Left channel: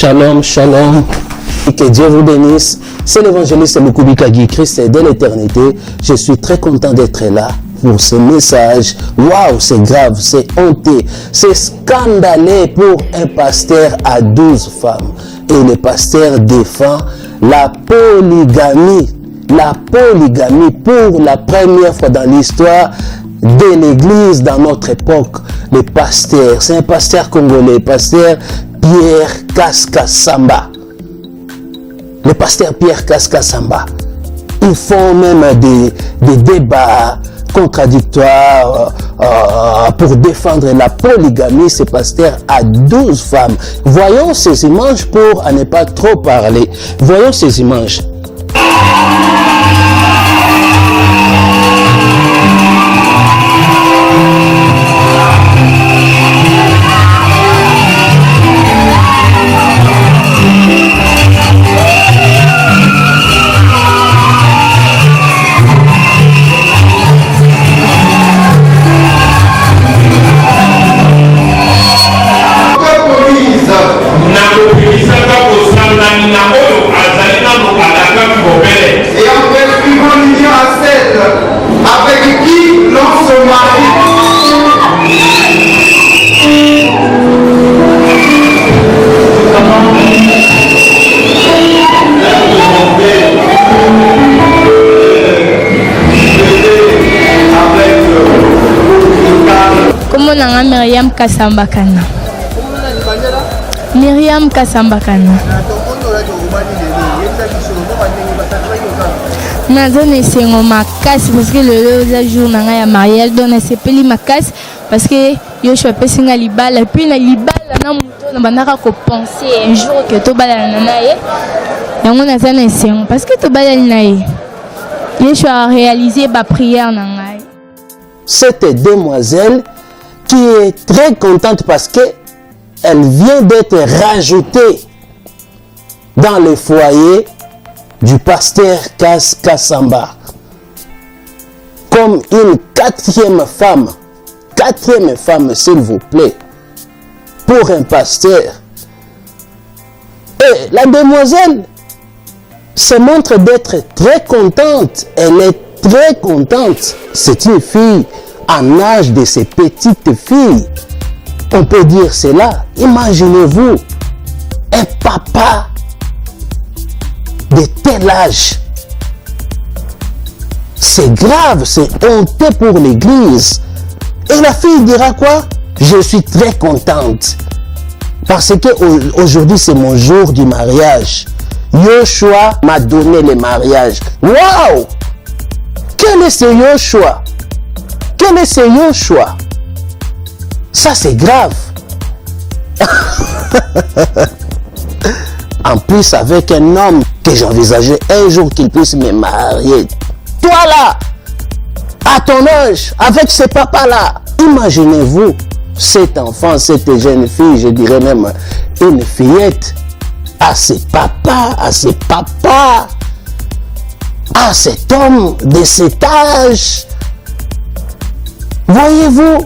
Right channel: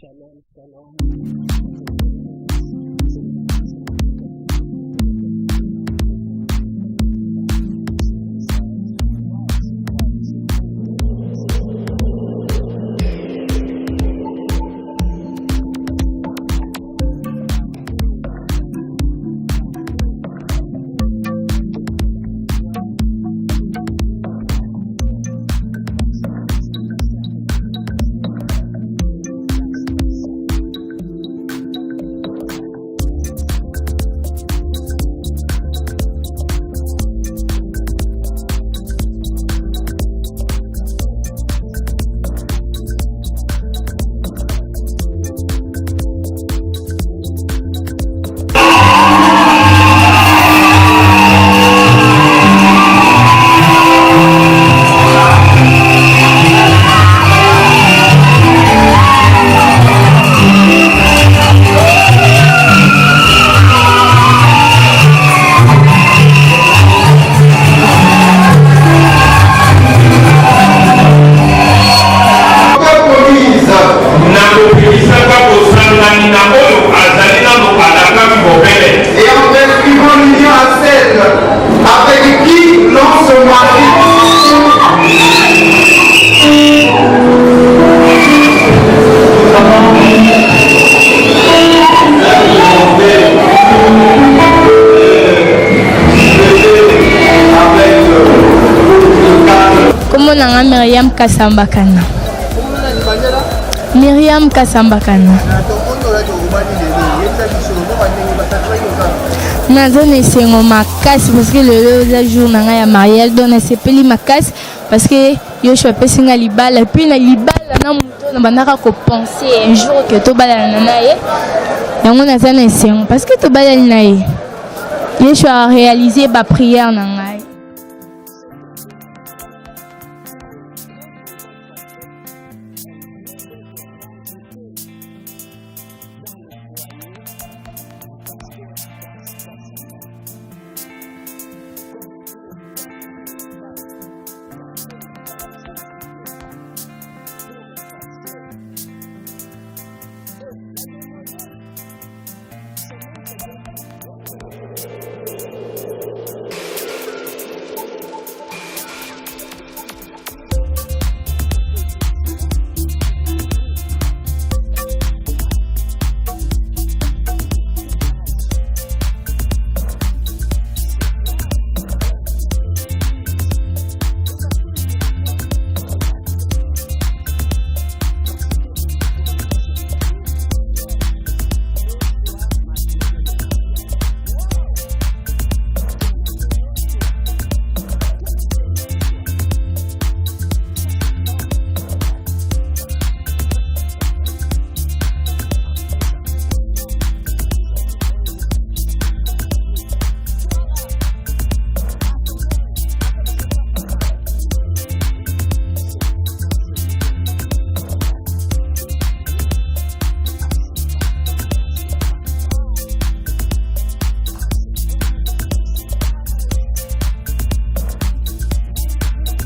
Shalom, shalom. Que Dieu vous bénisse. C'est l'évangéliste Mukubika Guy Christ de l'éternité. Je suis très content d'être là pour ce message. Waouh, c'est grave, c'est honteux, c'est scandaleux pour un pasteur à 12 femmes. Et le pasteur défend la polygamie. La polygamie pour la première fois dans l'histoire de l'église dans notre époque. Le pasteur, c'est un pasteur congolais, pasteur Pierre Kaska-Samba. Le pasteur Pierre Kaska-Samba. Ils font même des débats contradictoires pour défendre la polygamie. Ce pasteur a 12 femmes. Voyons ces images pour ne pas trop parler. Voyons ces images. Et en prescrivant l'union à celle avec qui l'on se marie. Comment on a Myriam Kasambakana? Myriam Kasambakana. Nazone esengo makasi parce que le jour na ya mariage donc na sepeli makasi parce que Yoshua pesinga libala puis na libala na muto na bandaka ko penser un jour que to bala na naye yango nazana esengo parce que to bala na ye Yoshua a réalisé ba prière na ngai. Cette demoiselle qui est très contente parce que elle vient d'être rajoutée dans le foyer du pasteur Kaska-Samba comme une quatrième femme, s'il vous plaît, pour un pasteur. Et la demoiselle se montre d'être très contente. Elle est très contente. C'est une fille en âge de ces petites filles. On peut dire cela. Imaginez-vous un papa de tel âge. C'est grave, c'est honteux pour l'église. Et la fille dira quoi? Je suis très contente. Parce que aujourd'hui c'est mon jour du mariage. Yoshua m'a donné le mariage. Waouh! Quel est ce Yoshua? Quel est ce Yoshua? Ça c'est grave. En plus avec un homme que j'envisageais un jour qu'il puisse me marier. Toi là, à ton âge, avec ce papa-là, imaginez-vous cet enfant, cette jeune fille, je dirais même une fillette, à ses papas, à cet homme de cet âge. Voyez-vous,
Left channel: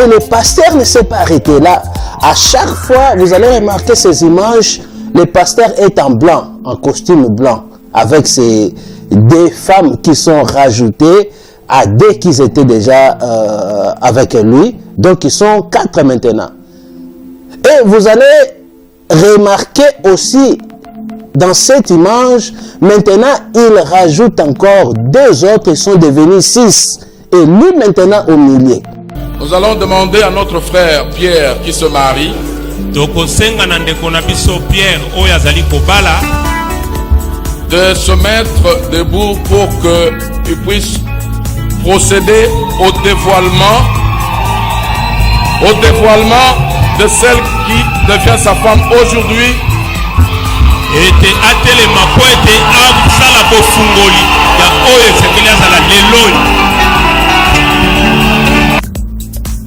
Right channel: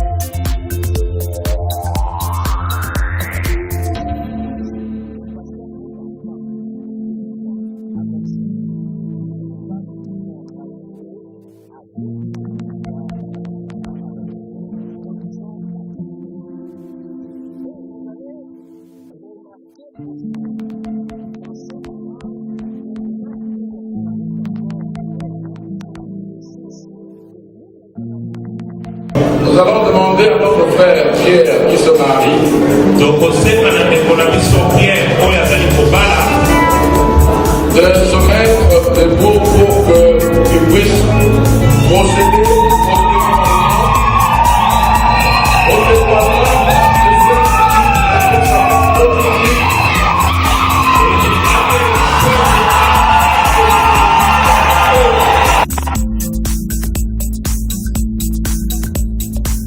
et le pasteur ne s'est pas arrêté là. À chaque fois, vous allez remarquer ces images, le pasteur est en blanc, en costume blanc, avec ces deux femmes qui sont rajoutées à deux qui étaient déjà avec lui. Donc, ils sont 4 maintenant. Et vous allez remarquer aussi, dans cette image, maintenant, il rajoute encore 2 autres, ils sont devenus 6. Et lui, maintenant, au milieu. Nous allons demander à notre frère Pierre qui se marie de se mettre debout pour qu'il puisse procéder au dévoilement de celle qui devient sa femme aujourd'hui.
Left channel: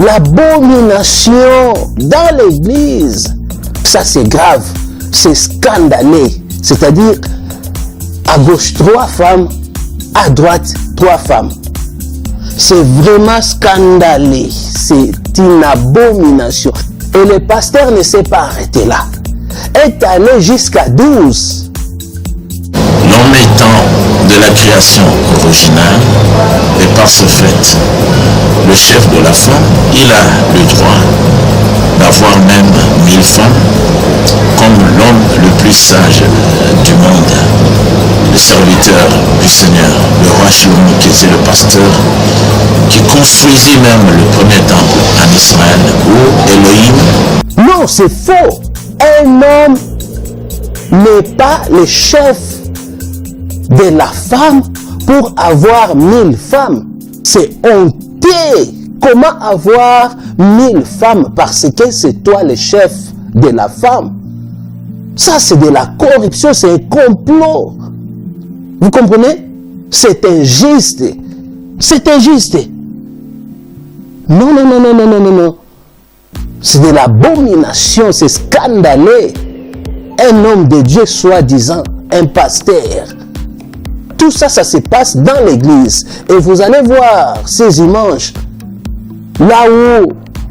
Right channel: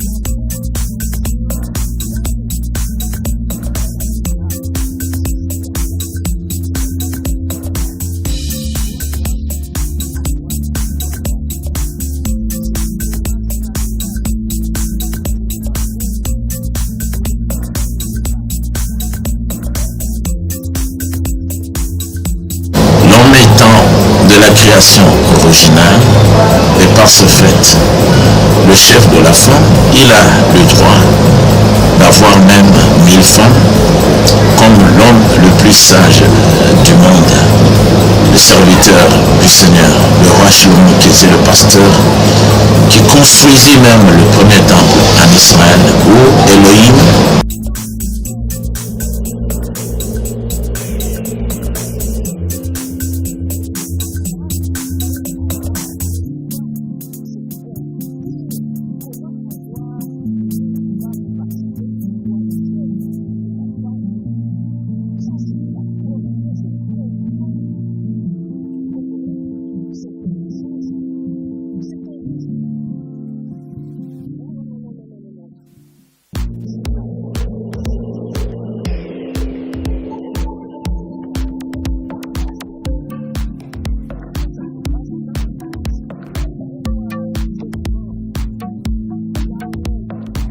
L'abomination dans l'église, ça c'est grave, c'est scandaleux. C'est-à-dire, à gauche 3 femmes, à droite 3 femmes. C'est vraiment scandaleux, c'est une abomination. Et le pasteur ne s'est pas arrêté là. est allé jusqu'à 12. L'homme étant de la création originale, et par ce fait, le chef de la femme, il a le droit d'avoir même 1000 femmes, comme l'homme le plus sage du monde, le serviteur du Seigneur, le roi Shlomo, qui était le pasteur, qui construisit même le premier temple en Israël, où Elohim... Non, c'est faux. Un homme n'est pas le chef de la femme pour avoir 1000 femmes. C'est honteux. Comment avoir 1000 femmes parce que c'est toi le chef de la femme? Ça, c'est de la corruption, c'est un complot. Vous comprenez? C'est injuste. C'est injuste. Non, non, non, non, non, non, non, non. C'est de l'abomination, c'est scandaleux. Un homme de Dieu, soi-disant, un pasteur. Tout ça, ça se passe dans l'église. Et vous allez voir ces images. Là où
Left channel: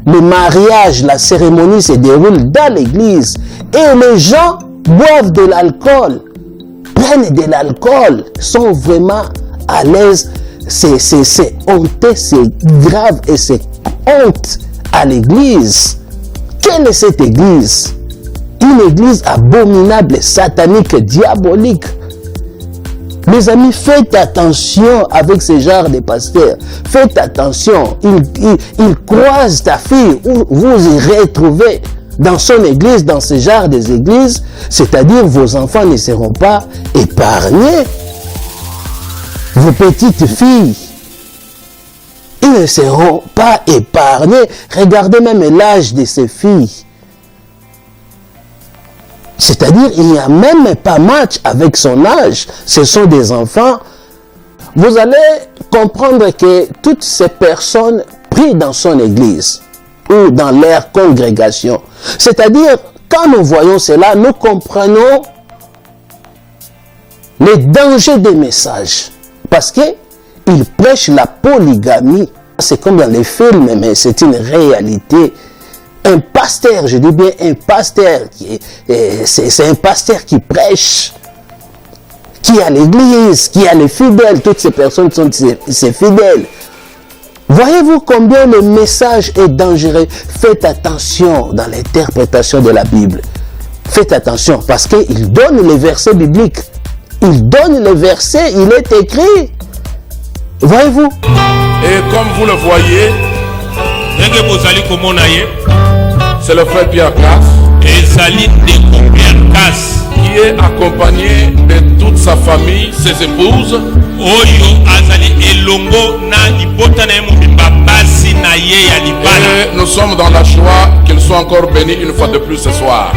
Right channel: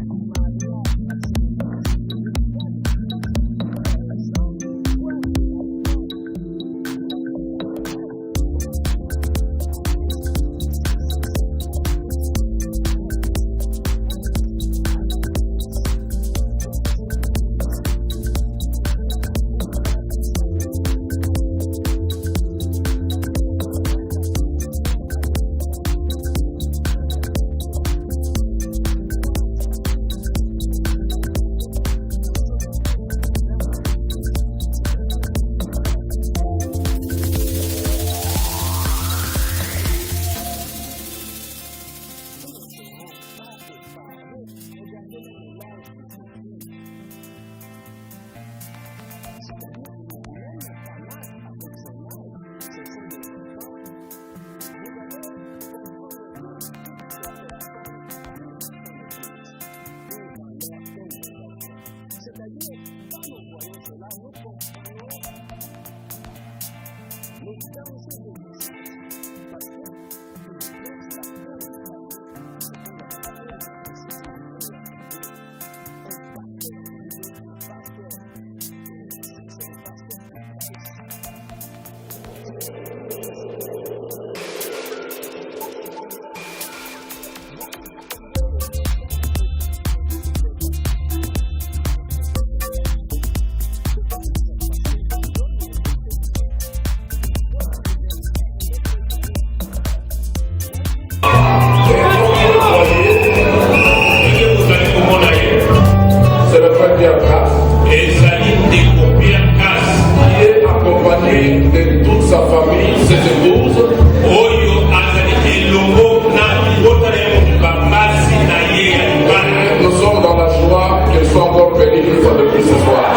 le mariage, la cérémonie se déroule dans l'église. Et les gens boivent de l'alcool, prennent de l'alcool, sont vraiment à l'aise. C'est honteux, c'est grave et c'est honte à l'église. Quelle est cette église? Une église abominable, satanique, diabolique. Mes amis, faites attention avec ce genre de pasteurs. Faites attention. Il croise ta fille, vous y retrouvez dans son église, dans ce genre d'église. C'est-à-dire, vos enfants ne seront pas épargnés. Vos petites filles, ils ne seront pas épargnés. Regardez même l'âge de ces filles. C'est-à-dire, il n'y a même pas match avec son âge. Ce sont des enfants. Vous allez comprendre que toutes ces personnes prient dans son église ou dans leur congrégation. C'est-à-dire, quand nous voyons cela, nous comprenons les dangers des messages. Parce qu'ils prêchent la polygamie. C'est comme dans les films, mais c'est une réalité. Un pasteur, je dis bien un pasteur, c'est un pasteur qui prêche, qui a l'église, qui a les fidèles, toutes ces personnes sont ses fidèles. Voyez-vous combien le message est dangereux? Faites attention dans l'interprétation de la Bible. Faites attention parce qu'il donne les versets bibliques. Il donne les versets, il est écrit. Voyez-vous? Et comme vous le voyez, c'est le frère Pierre Casse qui est accompagné de toute sa famille, ses épouses. Et nous sommes dans la joie qu'ils soient encore bénis une fois de plus ce soir.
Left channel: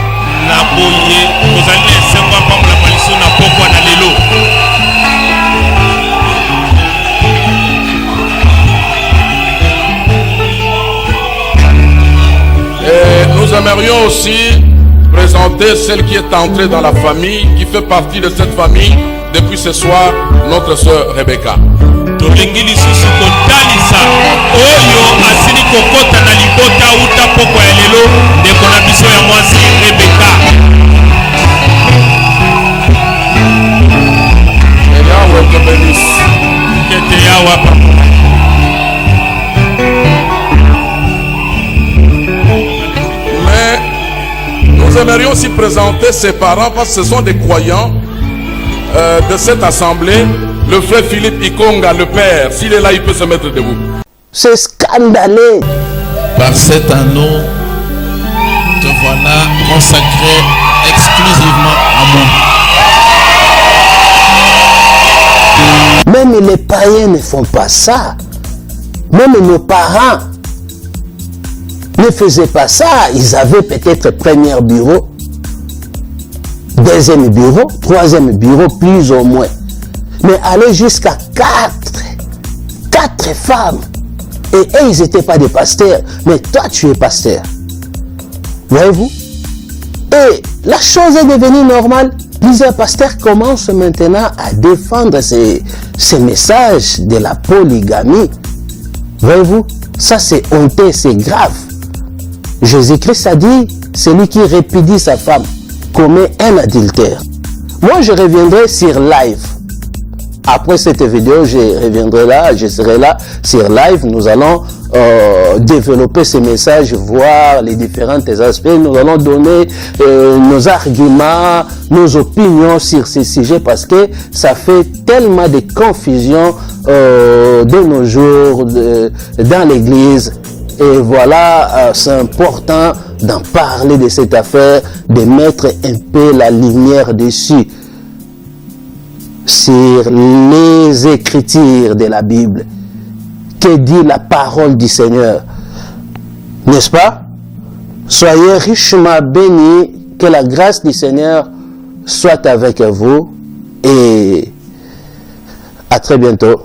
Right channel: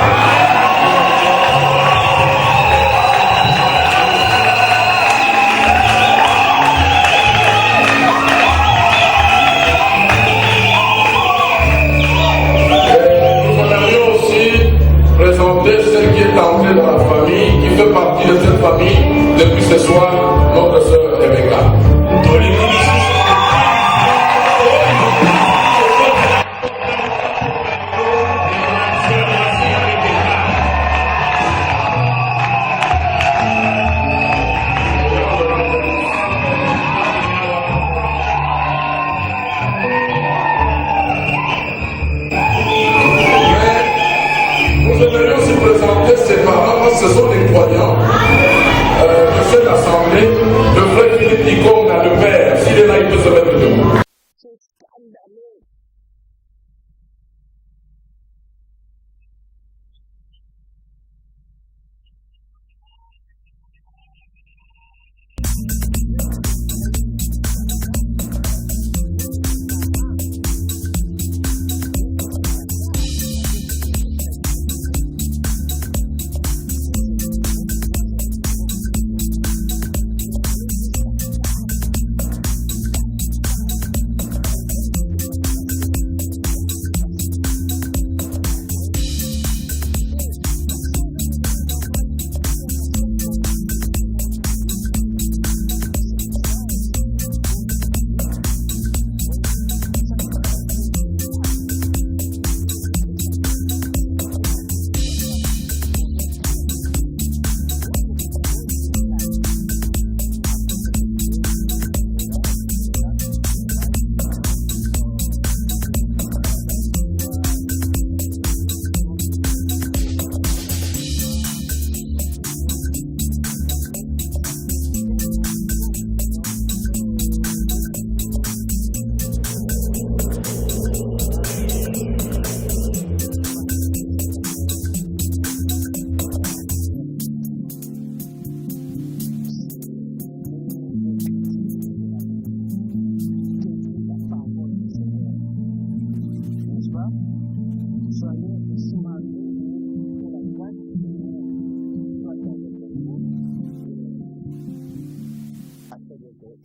Nous aimerions aussi présenter celle qui est entrée dans la famille, qui fait partie de cette famille depuis ce soir, notre sœur Rebecca. Nous aimerions aussi présenter ses parents parce que ce sont des croyants de cette assemblée. Le frère Philippe Ikonga, le père, s'il est là, il peut se mettre debout. C'est scandaleux. Par cet anneau, te voilà consacré exclusivement à moi. Même les païens ne font pas ça. Même nos parents ne faisaient pas ça. Ils avaient peut-être premier bureau, deuxième bureau, troisième bureau, plus ou moins. Mais aller jusqu'à 4 femmes. Et eux, ils n'étaient pas des pasteurs. Mais toi, tu es pasteur. Voyez-vous? Et la chose est devenue normale. Plusieurs pasteurs commencent maintenant à défendre ces messages de la polygamie. Voyez-vous? Ça, c'est honteux, c'est grave. Jésus-Christ a dit, celui qui répudie sa femme, commet un adultère. Moi, je reviendrai sur live. Après cette vidéo, je reviendrai là, je serai là sur live. Nous allons développer ces messages, voir les différents aspects. Nous allons donner nos arguments, nos opinions sur ces sujets parce que ça fait tellement de confusion de nos jours dans l'église. Et voilà, c'est important d'en parler de cette affaire, de mettre un peu la lumière dessus, sur les écritures de la Bible. Que dit la parole du Seigneur? N'est-ce pas? Soyez richement bénis, que la grâce du Seigneur soit avec vous et à très bientôt.